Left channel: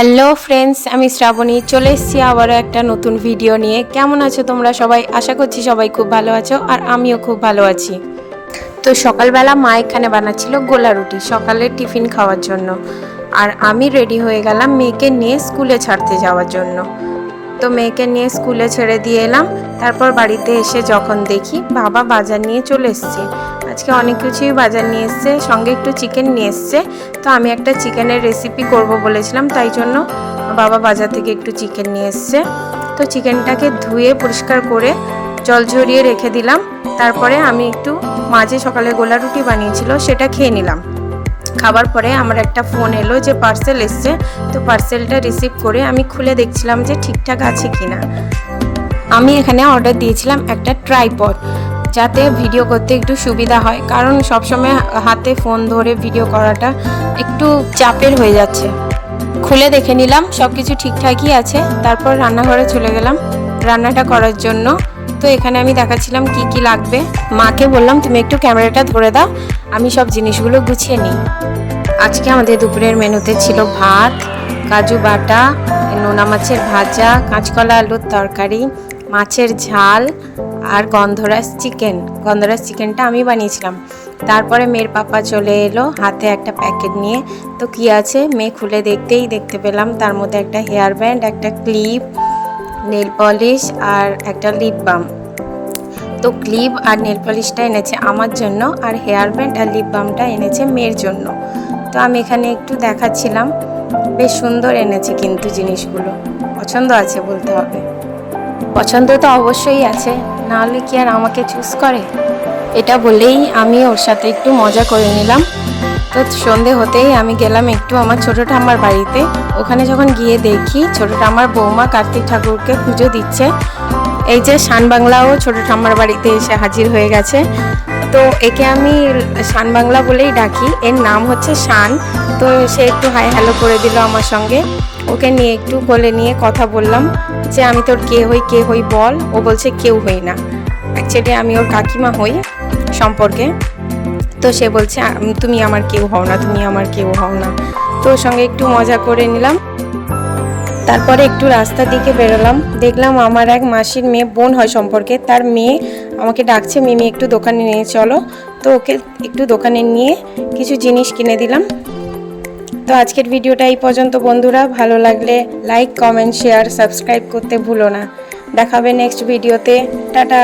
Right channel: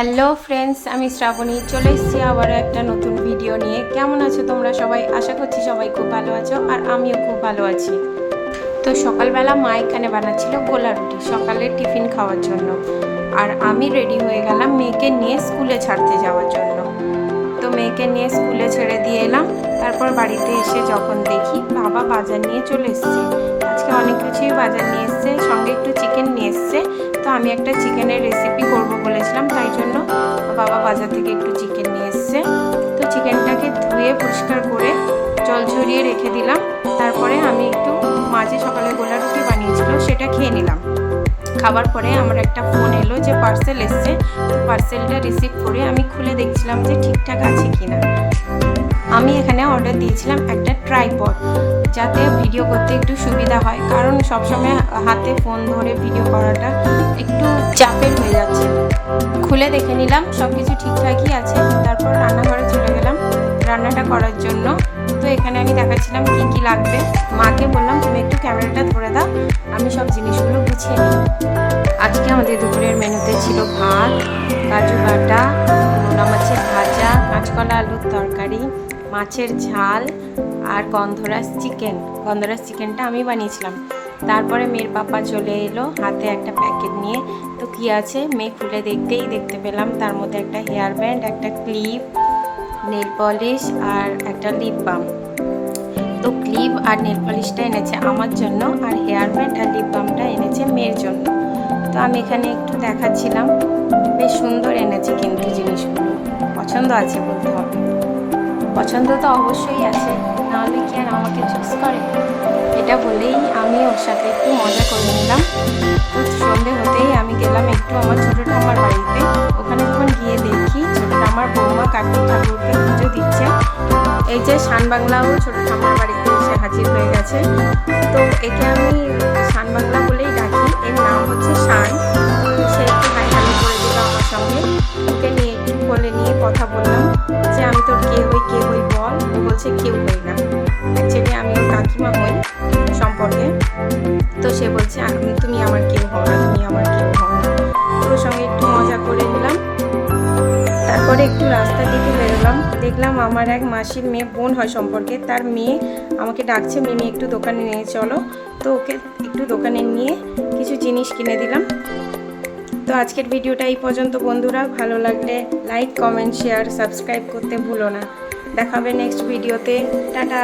Hello friends, আমি শ্রাবণী চলে এসেছি আবারও একটা নতুন ভিডিও নিয়ে। কেমন আছো তোমরা সবাই? আশা করছি সবাই খুব ভালো আছো, আর আমিও খুব ভালো আছি। তো সকালবেলা মা এখানে বানাচ্ছিল গোলা রুটি সকালের টিফিন খাওয়ার জন্য, আর আমি রেডি হয়ে গেলাম মেয়েকে নিয়ে স্কুলে ছাড়তে যাওয়ার জন্য। তো মেয়েকে নিয়ে স্কুলে ছেড়ে দিয়ে এলাম। তারপর বাড়িতে এসে যখন দেখি বাবা বাজার নিয়ে চলে এসছে। আজকে অনেক কিছুই বাজার নিয়ে এসছে, সঙ্গে একটু চিকেন নিয়ে এসছে। তো আমি একটা চিকেনের রেসিপি করব বলেছিলাম, তাই জন্য বাবা বাজার থেকে একটু চিকেন নিয়ে এসছে। তো চিকেনটাকে ধুয়ে পরিষ্কার করে জল ঝরিয়ে রেখে দিলাম। তারপরে আমি একটু মাঝে সকালে গোলা রুটি বানিয়েছিল সেটা খেয়ে নিলাম। খাবার পরে আমার একটা ফোন এলো যে পার্সেল এসছে। তো পার্সেলটা রিসিভ করে আমি খুলে দেখছিলাম যে ঠিকঠাক আছে কিনা। আমি এখানে অর্ডার দিয়েছিলাম একটা ট্রাইপড, যাতে ভিডিও করতে একটু সুবিধা হয়, কারণ সবসময় হাতে ফোন ধরে ভিডিও করাটা একটু চাপের হয়ে যাচ্ছে। খুলে দেখে নিলাম সব কিছু ঠিকঠাকই আছে। তারপর রান্নাঘরে চলে গেলাম রান্নাটা করার জন্য। তো এখানে আমি দেখাচ্ছিলাম কি কি লাগবে। মাকে বললাম তুমি একটু ক্যামেরাটা ধরে দাও, আমি সব জিনিসগুলো গুছিয়ে নিই। আজকে আমাদের দুপুরের মেনুতে ছিল ভাত, কাজু বাটা, নোনা মাছের ভাজা, কাঁচকলা আলুর তরকারি, মাছের ঝাল আর গন্ধরাজ চিকেন। গন্ধরাজ চিকেনটা আমি বানিয়েছিলাম। তারপরে মেয়ের পাপা চলে এলো হাতে একটা প্যাকেট নিয়ে। তো কি আছে মেয়ে খুলে দেখতে পেলাম তার মধ্যে একটা হেয়ার ব্যান্ড, একটা ক্লিপ, নেল পলিশ আর একটা লিপ বাম। তো ক্লিপ আর নেল পলিশটা এনেছে আমার জন্য, আর হেয়ার ব্যান্ড আর লিপ বামটা এনেছে মেয়ের জন্য। তো আমি এখানে একটু দেখাচ্ছিলাম, বেশ সুন্দর এনেছে কিন্তু জিনিসগুলো পছন্দ আছে বলতে হবে। পছন্দ তো অবশ্যই আছে, নাহলে কি আর আমাকে চুজ করে। এটা বলেই আমি ওর সাথে একটু মজা করে নিলাম। তো সন্ধে হতেই আমি গেলাম একটু আমার ছোটো ঠাম্মার বাড়িতে। ওখানে যখন গিয়ে দেখি ছোটো ঠাম্মার বৌমা কার্তিক ঠাকুরকে পুজো দিচ্ছে। এই যে শান বাংলাও ছোটো ঠাম্মার বাড়িতে এসে হাজির হয়ে গেছে। তো একে আমি শান বাংলা বলেই ডাকি, এর নাম হচ্ছে শান। তো সে একটু হাই হ্যালো করে দিল আমার সঙ্গে। ওকে নিয়ে একটু কোলে নিয়ে কথা বললাম যে আমি তোর কে হই বল। ও বলছে কেউ হই না, অ্যাকচুয়ালি আমি ওর কাকিমা হই সম্পর্কে। তো সে বলছে তুমি আমার কেউ হও না, তুমি আমার কেউ হও না। তো ওর সঙ্গে একটু মজা করে নিলাম। তারপরে একটু রাস্তার দিকে বেরোলাম, দেখলাম আমার এক মাসির মেয়ে, বোন হয় সম্পর্কে, তার মেয়ে আমাকে ডাকছে মিমি একটু দোকানে নিয়ে চলো। তো ওকে একটু দোকানে নিয়ে কিছু জিনিস কিনে দিলাম। তো আজকের ভিডিওটা এই পর্যন্ত বন্ধুরা। ভালো লাগলে লাইক, কমেন্ট, শেয়ার, সাবস্ক্রাইব করতে ভুলো না। দেখাবে নেক্সট ভিডিওতে। টাটা।